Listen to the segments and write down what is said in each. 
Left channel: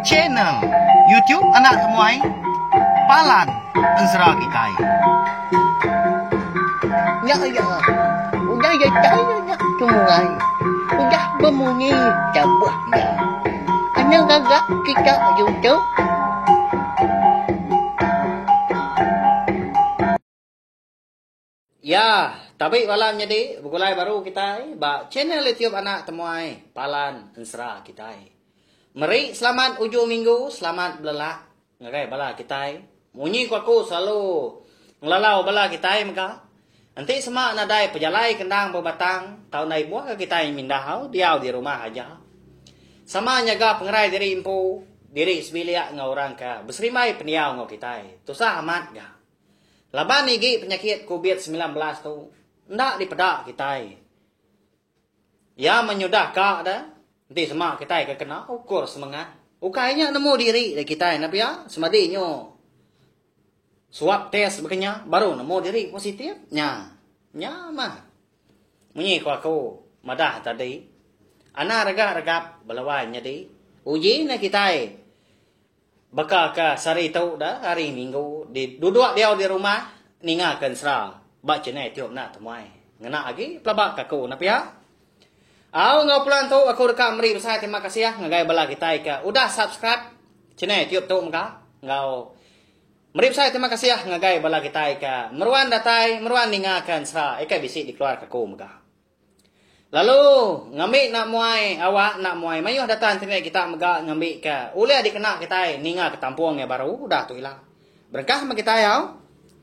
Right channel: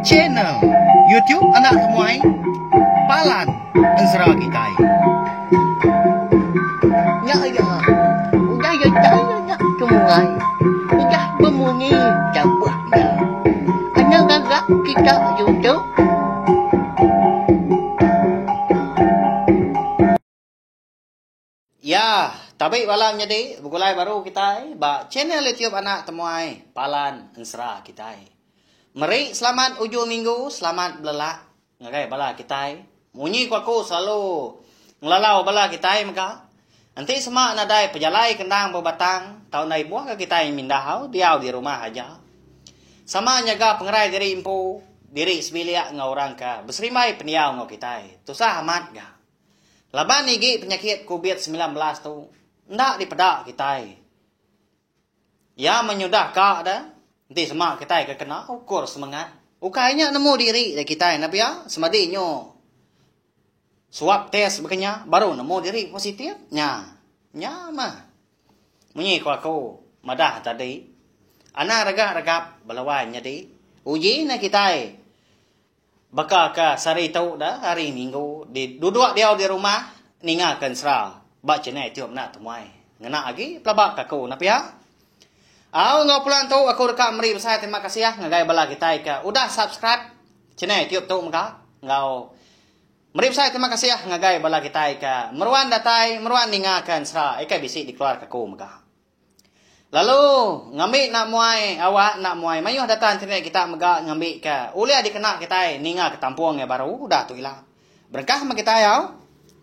Channel YouTube anak temuai Palan Ensra kita. Ya ya, udah ya dah tungai, udah bemunyi cabut ya. Anak gagak kita YouTube. Ya, tapi balang jadi bukulai baru kita ba channel YouTube anak temuai Palan Ensra kita. Mari selamat ujung minggu, selamat belak. Ngagai bala kita. Munyi ku aku selalu ngelalau bala kita maka. Nanti semak nadai pejalai kendang berbatang, tahun nai buah ke kita yang mindahau, diau di rumah aja. Sama nyaga pengerai diri impu, diri sebilia ngau orang ka, berserimai peniau ngau kita. Tusah amat ga. Laban igi penyakit COVID-19 tu, ndak dipedak kita. Ya menyudah kak dah, nanti semak kita kena ukur semangat. Ukainya nemu diri kita, nabi ya, semadinyo. Swab test begenya, baru nemu diri positif. Nya mah. Munyi ku aku, madah tadi. Ana regap balawan jadi. Uji na kita. Baka ka sari tau dah hari minggu di duduk dia di rumah ningakan sera. Baca ni tiup nak temuai. Ngena lagi pelabak aku napi ya. Au ngau pulang tu aku dekat meri besar terima kasih ya ngagai bala kita ka. Udah subscribe channel tiup tu maka. Ngau meri besar terima kasih ya ngagai bala kita ka. Meruan datai, meruan ningakan sera. Ika bisi dikeluar ka aku maka. Lalu ngambil nak muai awak nak muai mayuh datang tengah kita megak ngambil ke ulih dikena kita ninga ke tampuang yang baru dah tu hilang berkah mak kita ya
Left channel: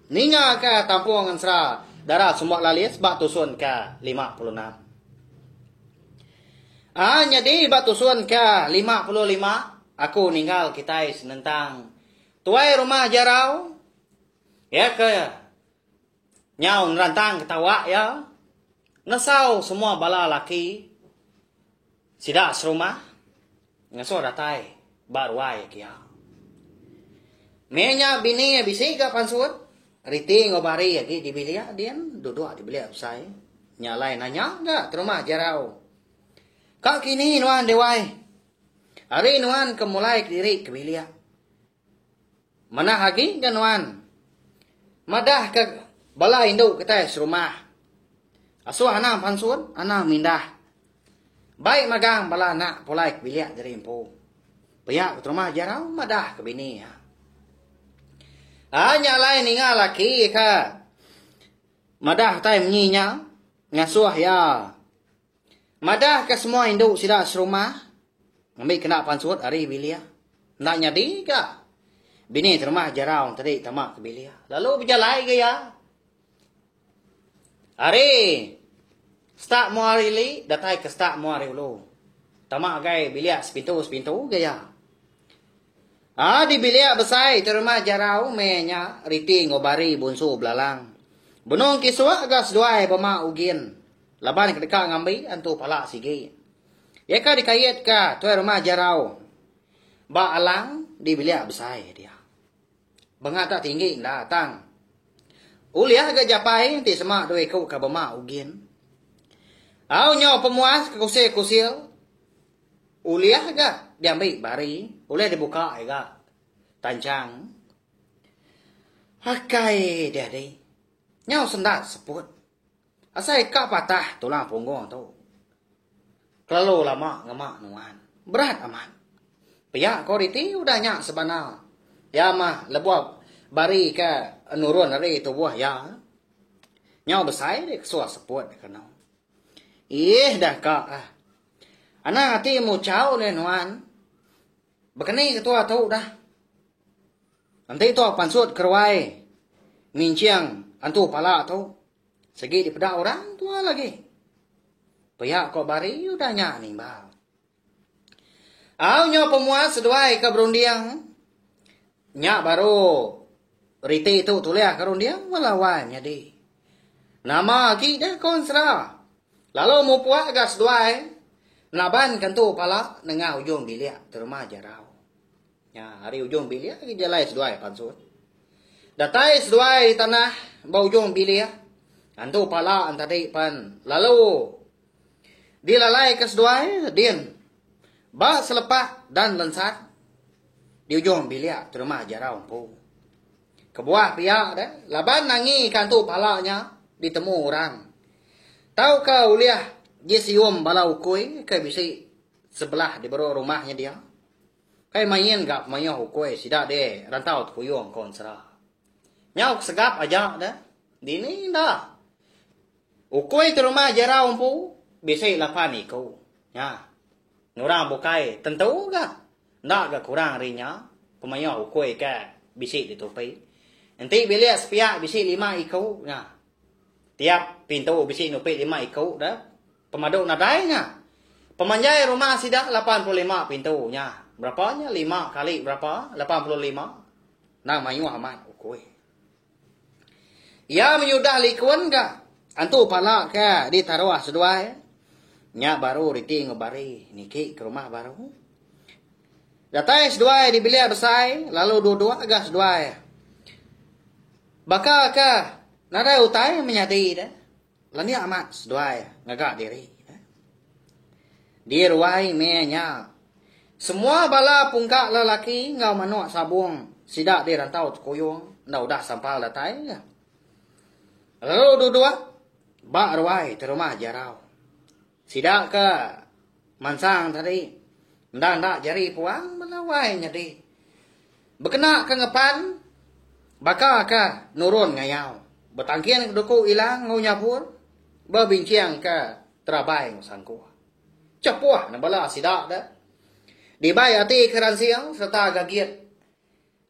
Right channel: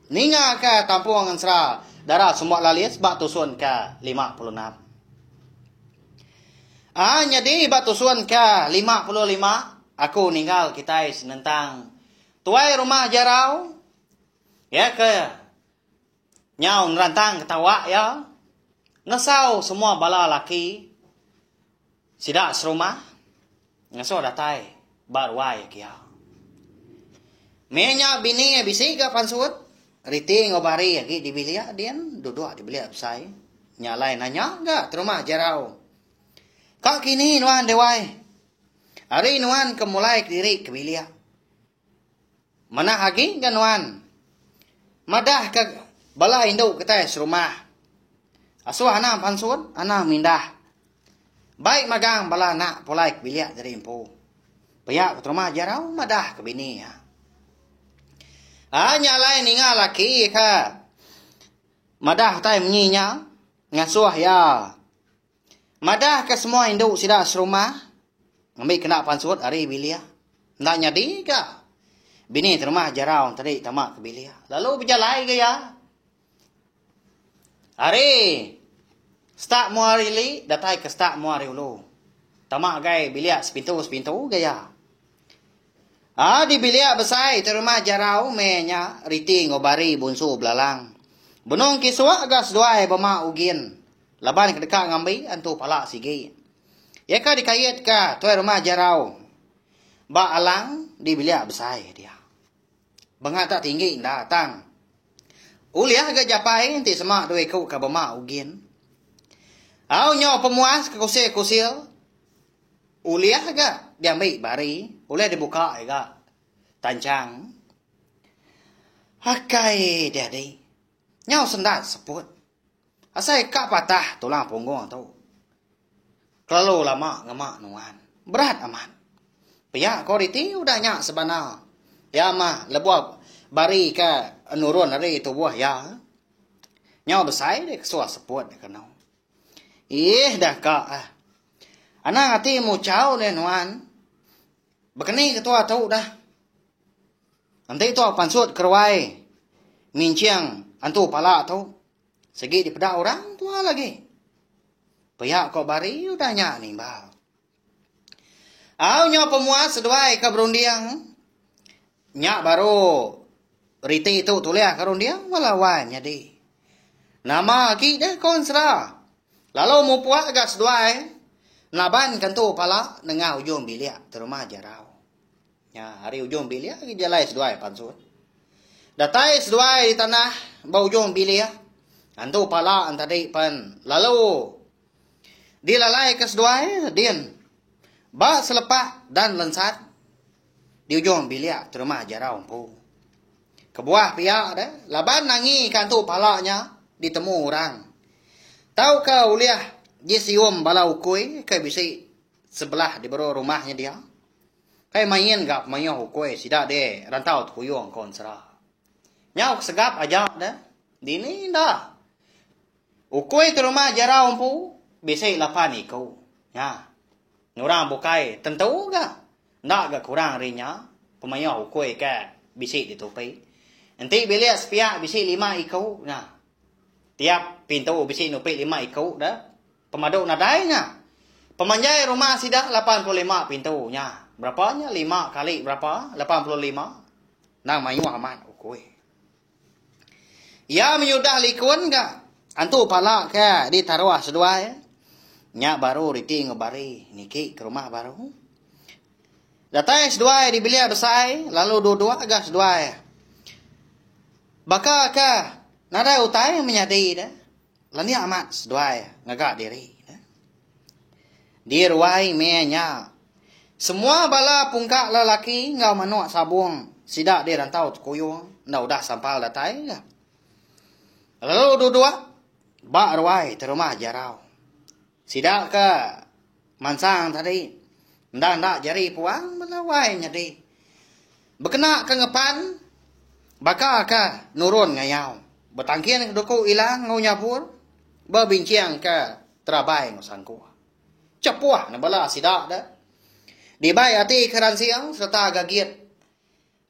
ninga ke tampuang Ensra darah semua lalis bak tusun ke 56 jadi bak tusun ke 55 aku ninggal kita senentang tuai rumah jarau ya ke nyaun rantang ketawa ya. Ngesau semua bala laki sidak serumah ngesau datai barwai kia. Menya bini bisi ka pansut riti ngobari lagi di bilia dian duduk di bilia saya nyalai nanya enggak terumah jarau. Kak kini nuan dewai. Hari nuan kemulai diri ke bilia. Mana lagi kan nuan? Madah ke bala induk kita serumah. Asuh anak pansun, anak mindah. Baik magang bala anak pulai kebiliak dari impu. Payak ke rumah jarau madah ke bini ya. Hanya lain ingat laki ka. Madah tay menyinya ngasuh ya. Madah ke semua induk sidak serumah. Ngambil kena pansun hari biliak. Ndak nyadi ka. Bini terumah jarau tadi tamak ke biliak. Lalu berjalan ke ya. Hari start muari li datai ke start muari ulu. Tamak gai biliak sepintu gaya. Di biliak besar terima jarau menya riti ngobari bunsu belalang. Benong kiswa gas duai bama ugin. Laban kedeka ngambi antu pala sigi. Ya ka dikait ka tuai rumah jarau. Ba alang di biliak besar dia. Bengat tak tinggi datang. Uliah ke japai nanti semak duai kau ke bama ugin. Au nyaw pemuas ke kusil. Uliah ke diambil bari. Uliah dibuka ke tancang. Hakai dedi. Nyaw sendat seput. Asai kak patah tulang punggung tu. Kalau lama ngemak nuan. Berat amat. Piyak koriti udah nyak sebenar. Ya mah lebuak bari ke nurun dari tubuh ya. Nyaw besar dia kesuah seput kenal. Dah kak. Anak hati mu cau ni nuan. Bekeni ketua tahu dah. Nanti tu pansut kerwai. Minciang antu pala tahu. Segi di pedak orang tua lagi. Pihak kau bari udah nyak nimbal. Au nyaw pemuas seduai ke berundiang. Nyak baru riti itu tuliah karundiang walawan jadi. Nama lagi dah konsra. Lalu mu puak gas duai. Naban kantu pala nengah ujung biliak terumah jarau. Ya, hari ujung biliak dia lai seduai pansut. Datai seduai tanah bau ujung biliak. Antu pala antadai pan. Lalu dilalai ke seduai din. Ba selepak dan lensat di ujung bilik terima jarau empu. Kebuah pihak dah, laban nangi kantu palanya ditemu orang. Tahu kau uliah jisium balau kuih ke bisi sebelah di baru rumahnya dia. Kai main gap mayo kuih sida de rantau tu kuyong konsra. Nyau segap aja dah. Dini dah. Ukui tu rumah jarau empu bisi lapan ikau. Nah. Orang bukai tentu ga. Ndak ga kurang rinya. Pemayo ukui ke bisi ditupai. Nanti bilik sepiak bisi 5 ikau. Nah. Tiap pintu bisi nupai 5 ikau dah. Pemaduk nadainya. Pemanjai rumah sidak 85 pintunya. Berapanya? 5 kali berapa? 85. Nah mayu amat ukui. Ya menyudah likun ga. Antu pala ke di taruah sedua ya. Nya baru riti ngebari niki ke rumah baru. Datai sedua di bilik besar lalu dua-dua agak sedua. Baka ke nada utai menyadi dah. Lani amat sedua ngagak diri. Di ruai menya. Semua bala pungkak lelaki ngau manuak sabung sidak di rantau kuyung nau dah sampal datai. Lalu dua-dua bak ruai ke rumah jarau. Sidak ke mansang tadi. Ndak jari puang melawai nyadi. Berkena ke ngepan. Baka ke nurun ngayau. Bertangkian duku ilang ngunyapur. Berbincang ke terabai ngusangku. Cepuah nabala sidak dah. Dibai hati keran siang serta gagir.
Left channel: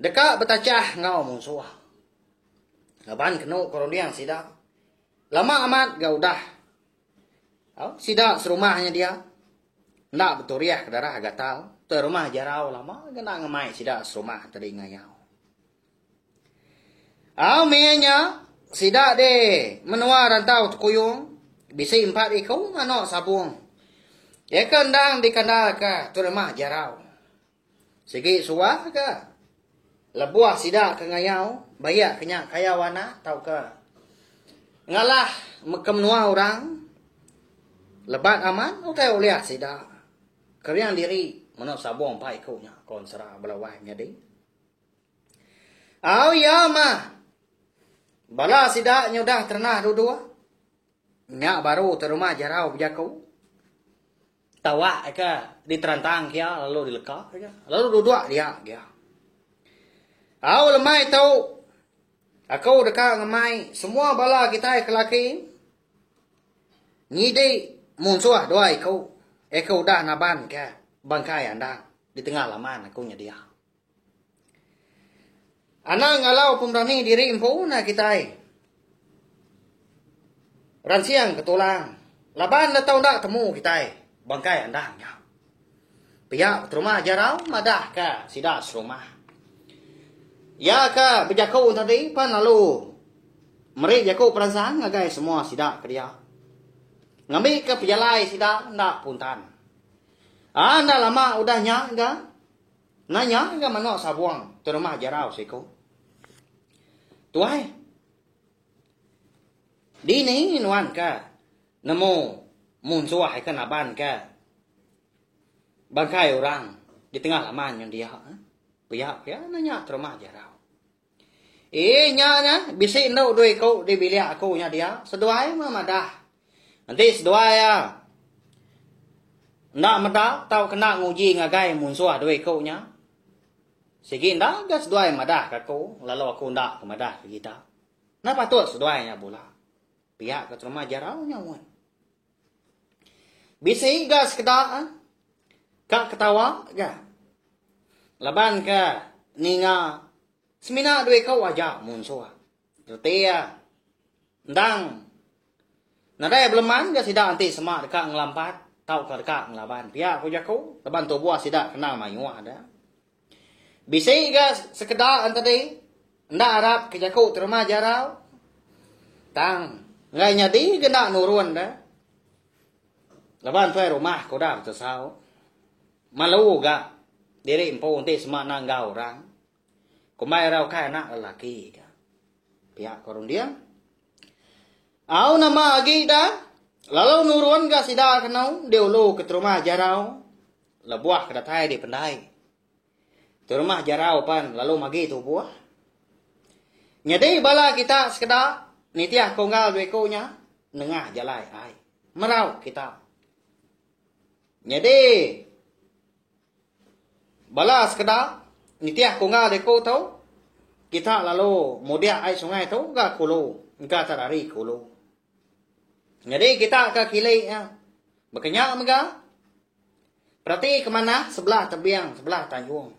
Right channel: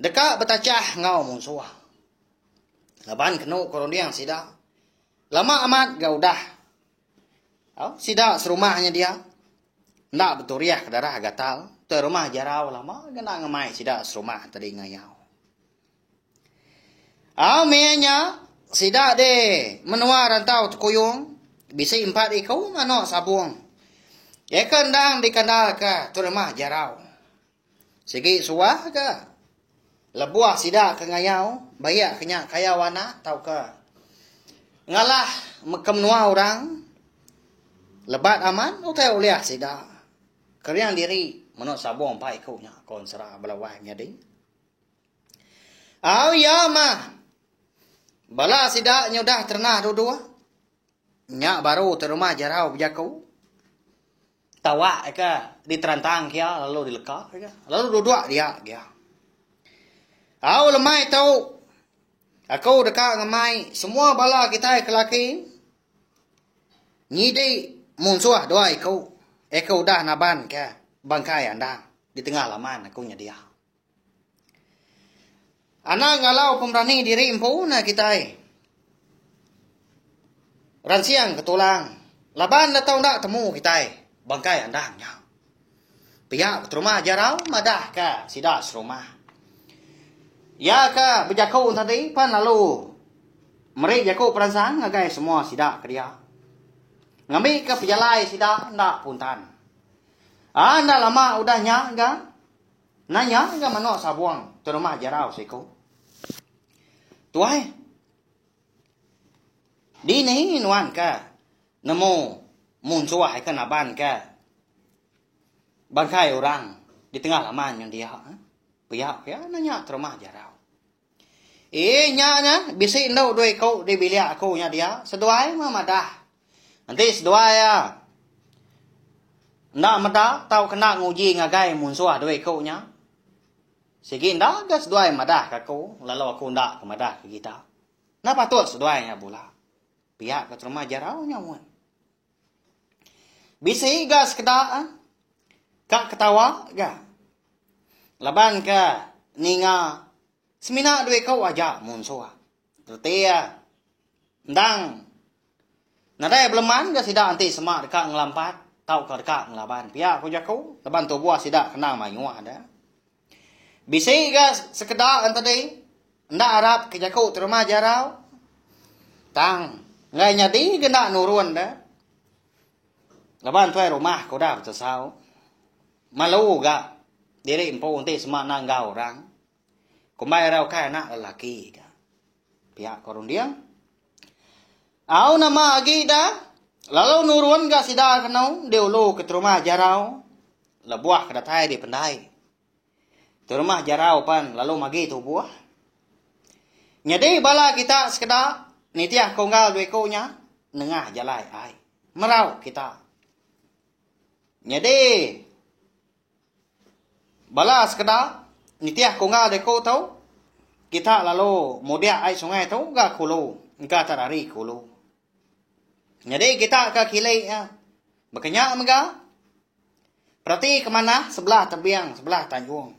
Dekat betacah ngau musuh. Laban kenu koroniang sidak. Lama amat gaudah. Sidak serumahnya dia. Nak beturiah ke darah gatal. Terumah jarau lama. Kena ngemai sidak serumah tadi ngayau. Menya. Sidak de. Menua rantau tukuyung. Bisi 4 ikau. Nganok sabung. Ya kendang dikenal ke terumah jarau. Segi suah ke. Lebuah sidak ke ngayau. Bayak kenyak kaya wana. Tau ke. Ngalah. Kemnua orang. Lebat aman, utai uliah sida. Keriang diri, menok sabong pa ikunya, konsera belawahnya di. Ya mah. Bala sida nyudah ternah dua. Nyak baru terumah jarau berjaku. Tawa ke diterantang kia, lalu dilekah. Lalu dua dia. Lemai tahu. Aku dekat ngemai, semua bala kita kelaki. Nyidai. Mungsuah doa Eko dah naban ke bangkai andang. Di tengah laman akunya dia. Anak ngalau pemberani diri empu na kita. Ransiang ketulang. Laban na tau nak temu kita. Bangkai andangnya. Pihak rumah jarau madah ke sidak serumah. Ya ke berjakau tadi pan lalu. Mereka jakau perasaan ngagai semua sidak ke dia. Ngambil ke pejalai sidak ndak puntan. Ndak lama udah nyak ga. Nanya ga manok sabuang tu rumah jarau siku. Tuai. Di ni nuan ka. Nemu munsuah ke naban ka. Bangkai orang di tengah laman yang dia. Pihak ya nanya tu rumah jarau. Nya bisa indau dua kau di bilik aku nya dia. Seduai mah dah. Nanti sedua ya. Ndak madah tau kena nguji ngagai munsuah dua kau nya. Segi ndak ada sedua madah kaku. Lalu aku ndak madah ke kita. Napa tu sedua nya pula. Pihak ke rumah jarau nya mun. Bisa gas kedak. Kak ketawa ga. Laban ke ninga. Semina dua kau aja munsuah. Terti ya. Ndang. Nadai beleman ga sidak nanti semak dekat ngelampat. Tau ke dekat ngelaban. Pihak aku jaku. Leban tu buah sidak kena mayuah ada. Bisa ga sekedar tadi. Ndak harap ke jaku terumah jarau. Tang. Ngai nyadi kena nurun dah. Leban tuai rumah kau dah betul sao. Malu ga. Diri empu nanti semak nanggau orang. Kumai rau kaya anak lelaki. Pihak korun dia. Nama agi dah. Lalu nurun ga sida kenau. Dia ulu ke rumah jarau. la buah kedatai di pendai. Tu rumah jarau pan lalu magi tu buah. Nyadi bala kita sekedar nitiah konggal bekonya nengah jalai ai. Merau kita. Nyadi bala sekedar nitiah konggal beko tau kita lalu mudia ai sungai tu ga kulu, ga tarari kulu. Jadi kita ke kilai ya. Berkenyak mega. Berarti kemana? Sebelah tebiang, sebelah tanjung.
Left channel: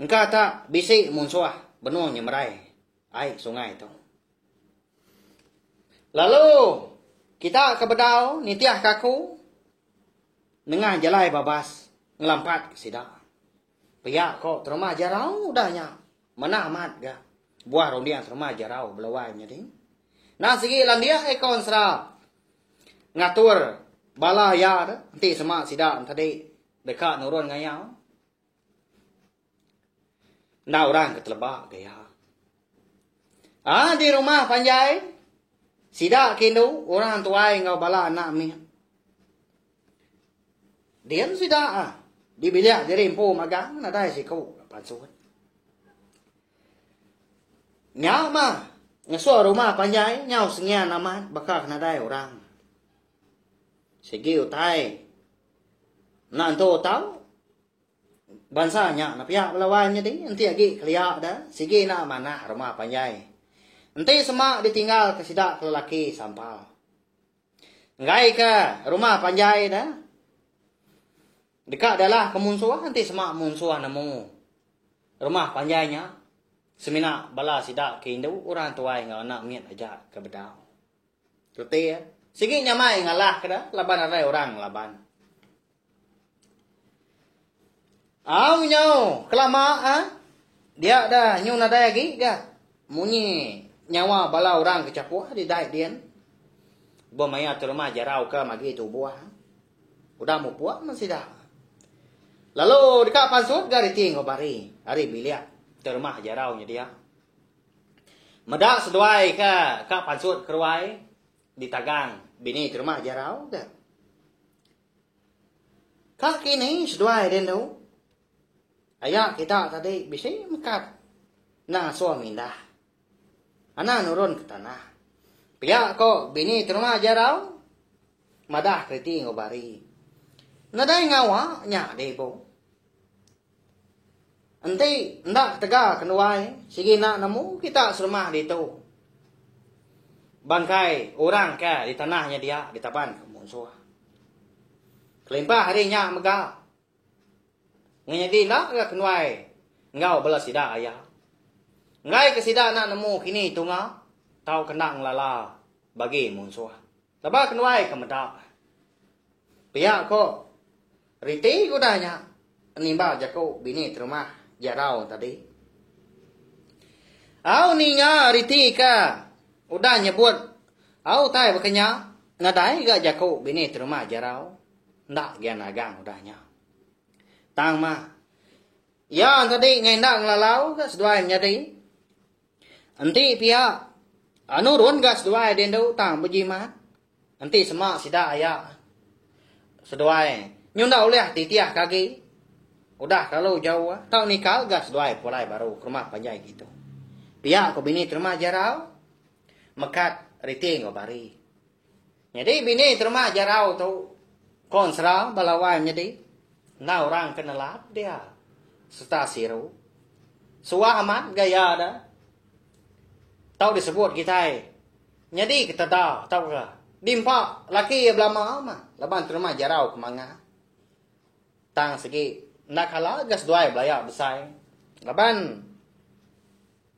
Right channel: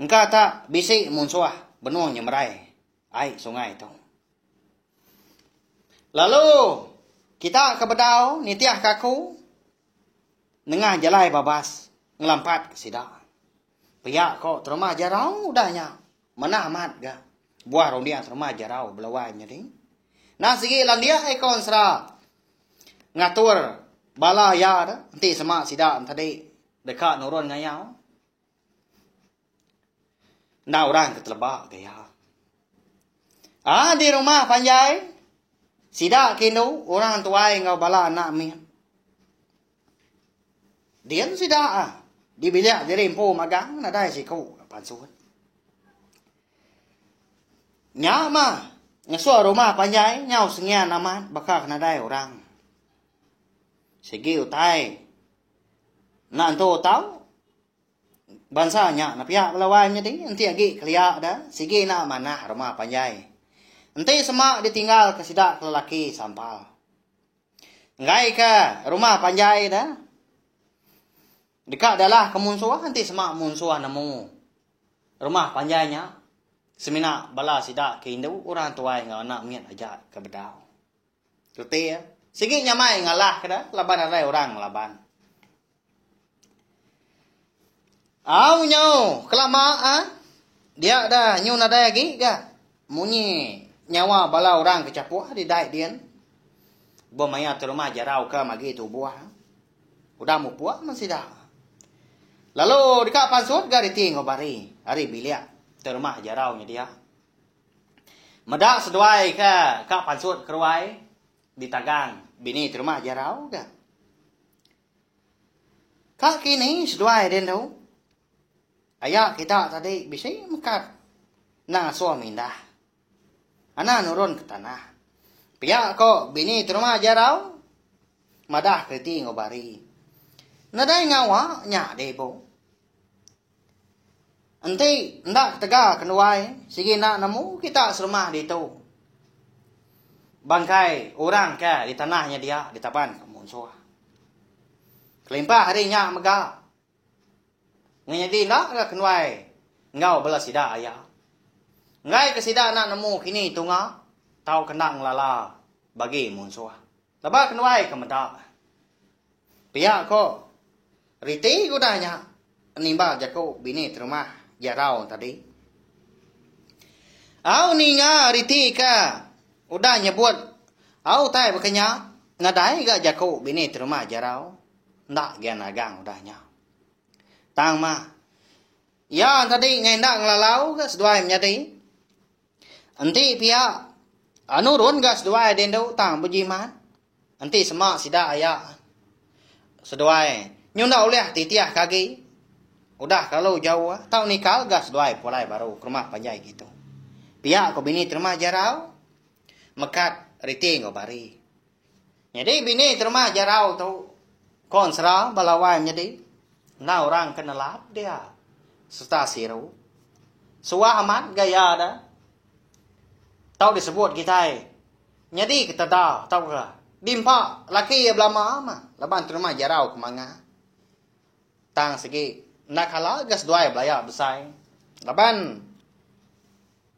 Engkau tak bisik munsuah benuang nyemerai air sungai itu. Lalu kita ke bedau nitiah kaku nengah jalai babas ngelampat ke sidak. Pihak kok terima jarau udahnya. Mana amat ga. Buah rondia terima jarau belawainya ding. Nah segi landia ekon sera ngatur bala ya dah. Nanti semak sidak tadi dekat nurun ngayau. Nah orang ketelebak gaya. Di rumah panjai. Sidak kindu orang tuai ngau bala anak mi. Dia sidak di bilik jadi impu magang nadai siku pansuat. Nyama ngesua rumah panjai nyau sengian amat bakal nadai orang. Segi utai. Nanto tahu bansanya na pihak lawannya ding nanti lagi keliak dah sige na mana rumah panjai nanti semak ditinggal ke sidak ke lelaki sampal ngai ke rumah panjai dah dekat adalah ke munsuah nanti semak munsuah namu rumah panjainya semina bala sidak ke indu orang tuai ngau anak miat aja ke bedau tuti sige nyamai ngalah ke dah laban ada orang laban. Au nyau kelama dia dah nyu nadai lagi ga munyi nyawa bala orang kecapuah di dai dian bomaya terumah jarau ke magi tu buah udah mau puak masih dah lalu dekat pansut gari ting ngobari hari bilik terumah jarau nya dia medak seduai ke pansut keruai di tagang bini terumah jarau ga kak kini seduai den dau. Ayah kita tadi bisa mengkat. Nah suami dah. Anak nurun ke tanah. Pihak kok bini terima jarau. Madah kerti ngobari. Nadai ngawa nyak debo. Nanti ndak tegak kenuai. Sige nak namu kita serumah di tu. Bangkai orang ke di tanahnya dia di tapan kemunsuh. Kelimpah harinya megah. Nganyadi nak lah kenuai. Ngau belas sidak ayah. Ngai ke sidak nak nemu kini tunga. Tau kena ngelala. Bagi munsuah. Lepas kenuai ke medak. Pihak kok. Riti kudanya. Nimba jaku bini terima jarau tadi. Au ninya riti ka. Udah nyebut. Au tai berkenya. Nadai gak jaku bini terima jarau. Ndak gian agang udahnya. Tang ma. Ya tadi ngendak ngelalau ke seduai menjadi. Nanti pihak anu run gas seduai dendau tang berjimat. Nanti semak sidak ayak. Seduai. Nyunda oleh titiah kaki. Udah kalau jauh tau nikah gas seduai pulai baru ke rumah panjai gitu. Pihak ko bini terima jarau. Mekat riting ngobari. Jadi bini terima jarau tu. Konsra balawan jadi. Nah orang kenalap dia. Serta siru. Suah amat gaya dah. Tahu disebut kita. Jadi kita dah. Tahu ke. Dimpa. Laki belama ama. Laban terima jarau kemanga. Tang segi. Nak kalah gas doai belaya besar. Laban.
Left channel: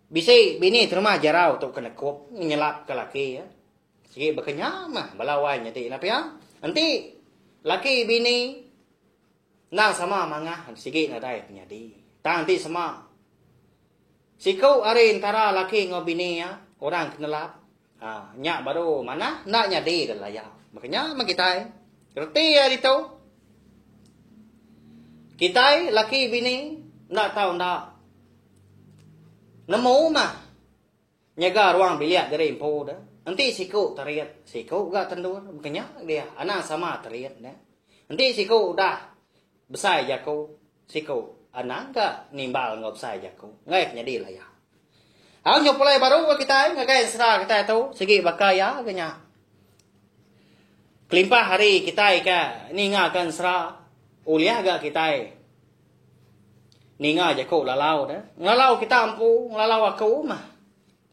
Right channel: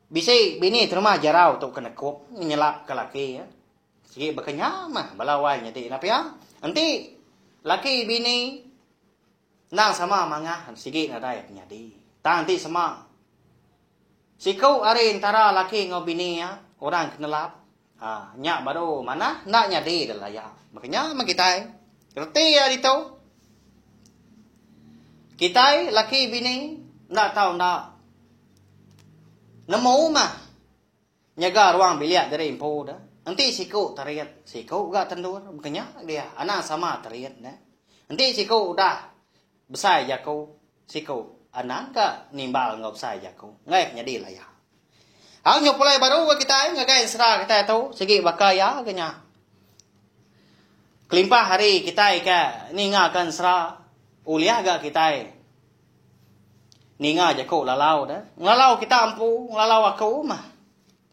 Bisi bini terima jarau tu kena kup. Nyelap ke laki ya. Segi berkenyam mah. Balawai jadi. Tapi ya. Nanti. Laki bini. Nang sama mangah sige nadai penyadi. Tanti sama. Sikau are antara laki ngau bini ya, orang kenalap. Nyak baru mana nak nyadi dah ya. Makanya kita reti ya itu. Kita laki bini nak tahu nak. Nemu mah. Nyaga ruang bilik dari impo dah. Nanti sikau tariat, sikau gak tendur. Makanya dia anak sama tariat dah. Nanti sikau dah besar jago siko anak ka nimbal ngop besar jago ngai jadi lah ya. Ang nyopulay baru kita ngagai sera kita tu segi bakaya kenya. Kelimpah hari kita ka ni ngakan sera uliah ga kita. Ninga jago lalau dah. Lalau kita ampu, lalau aku mah.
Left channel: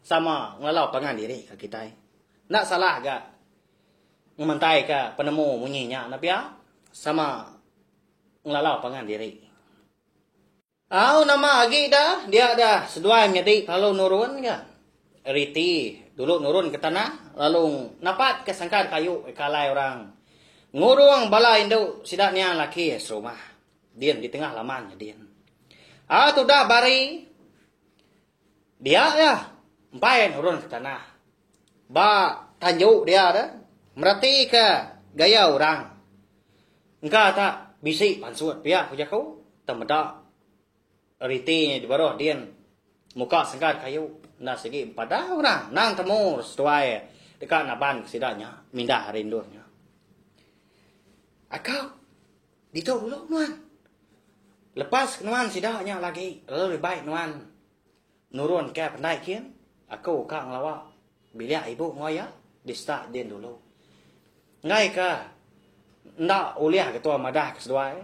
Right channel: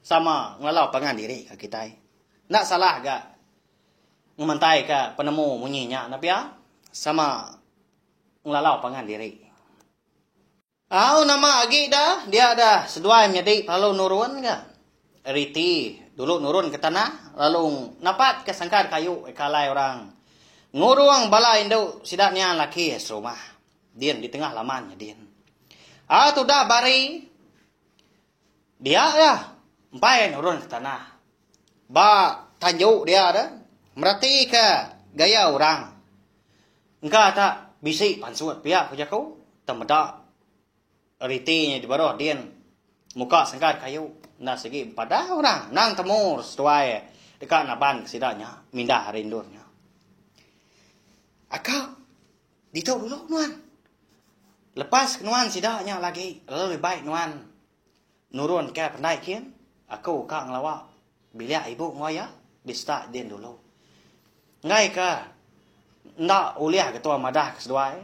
Sama lalau pangan diri kita. Nak salah ga. Ngemantai ka penemu munyinya napia sama lalau pangan diri. Nama agi dah, dia dah seduai menjadi lalu nurun ga. Riti dulu nurun ke tanah, lalu napat ke sangkar kayu kalai orang. Nguruang bala Indo sidaknya laki rumah. Dian di tengah lamannya dian. Tu dah bari dia dah empai nurun ke tanah. Ba tanjuk dia dah merati ke gaya orang. Engkau tak bisik pansuat pihak kujaku temeda ritinya di bawah dian muka sangkar kayu na segi pada orang nang temur setuai dekat naban sidaknya mindah rindurnya. Akau dito dulu nuan. Lepas nuan sidaknya lagi lebih baik nuan nurun ke pandai kian aku kang lawak bilik ibu ngoya bista din dulu ngai ka ndak uliah ketua madah keseduai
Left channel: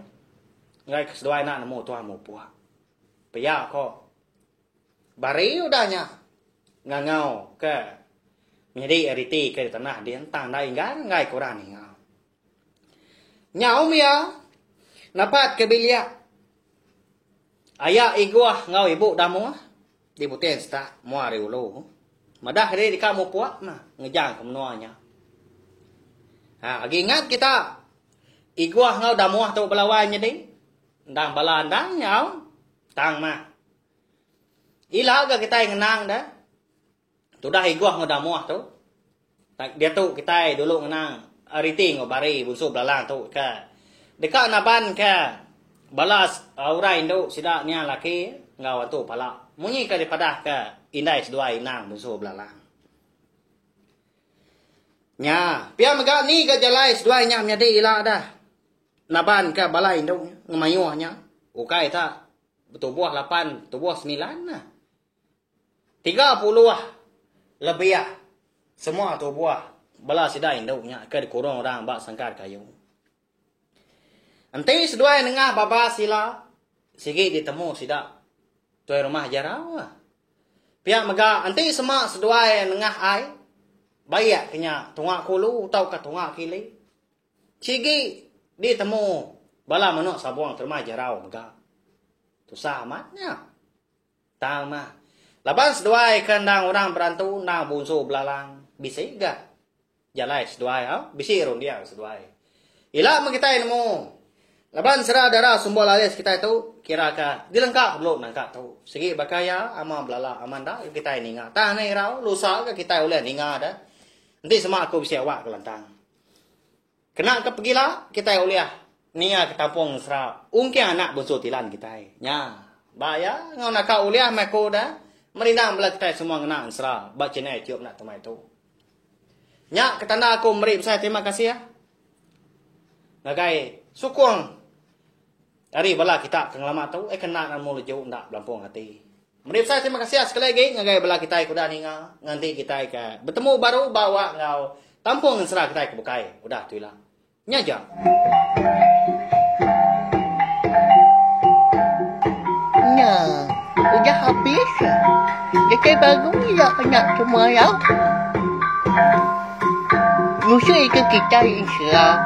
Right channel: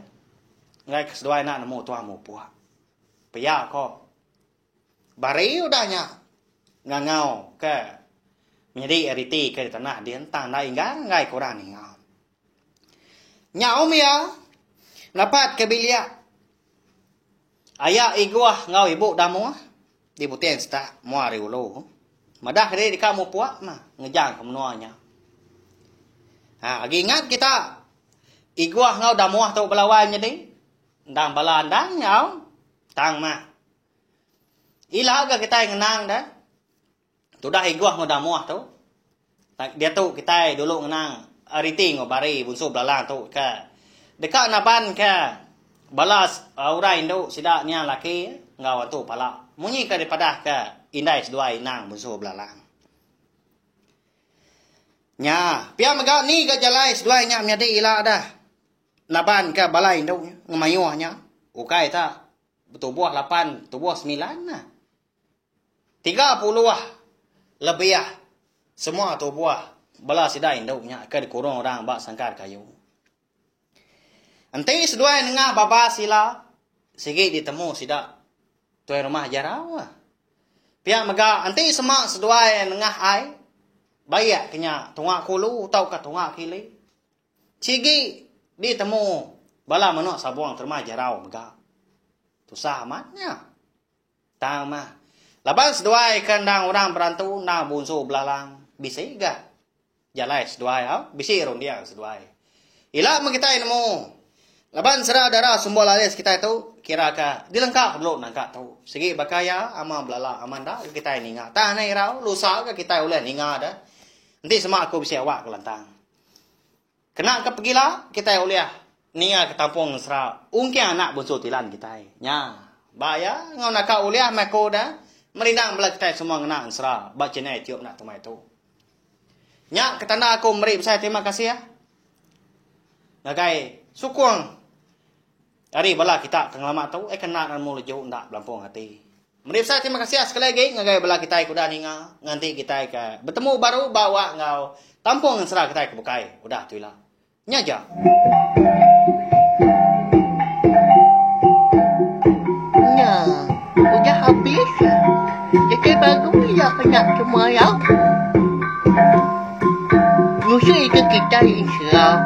ngai keseduai nak nemu tua mu puak paya ko bari udahnya ngangau ke menjadi eriti ke tanah din tang dai ngai kurang ni ngau nyau miau napat ke bilik ayah iguah ngau ibu damu di buteng sta muari ulu madah dia di kamu puak mah ngejang kemenuanya. Lagi ingat kita iguah ngau damu tu belawannya ding ndang balan dang nyau tang mah ilah ga kita ngenang dah tu dah iguah ngau damu tu dia tu kita dulu ngenang ariti ngobari bunsu belalang tu ka dekat naban ka balas orang Indo sidaknya laki ngau tu pala munyi ka daripada ka indai sedua inang bunsu belalang nya pia maga ni ka jalai sedua nya menjadi ila dah naban ka balai Indo ngemayuhnya ukai ta tubuh 8 tubuh 9 nah 30 lebih semua tubuh bala sidai Indo nya ka dikurung orang bak sangkar kayu. Nanti sedua nengah baba sila segi ditemu sidak tuai rumah jarau. Pihak mega nanti semua sedua nengah ai bayak kenya tungak kulu tau ka tungak kili. Sigi ditemu bala manu sabuang rumah jarau mega. Tu sahamatnya. Tama. Laban sedua kandang orang berantu na bunsu belalang bisa ga. Jalai sedua bisa rong dia sedua. Ila kita ilmu laban sera darah sumbol alis kita itu kira ka dilengkap dulu nangka tu segi bakaya ama belala amanda kita ini ngah tah nai rau lusa ka kita ulah ninga dah nanti semua aku bisa awak kelantang kena ke pergilah kita ulah nia ke tampung sera ungki anak bunsu tilan kita nya baya ngau nak ka ulah mako dah merinang bela kita semua kena sera bak cenai tiup nak temai tu nya ketana aku beri saya terima kasih ya nagai sukung hari bala kita kengelama tahu kena kan mulu jauh ndak belampung hati. Menurut saya terima kasih sekali lagi ngagai bala kita kuda ninga nganti kita ke bertemu baru bawa ngau tampung sera kita ke bukai. Udah tu lah. Nyaja. Nah, udah habis. Jadi baru ya kena semua ya. Musuh itu kita Islam.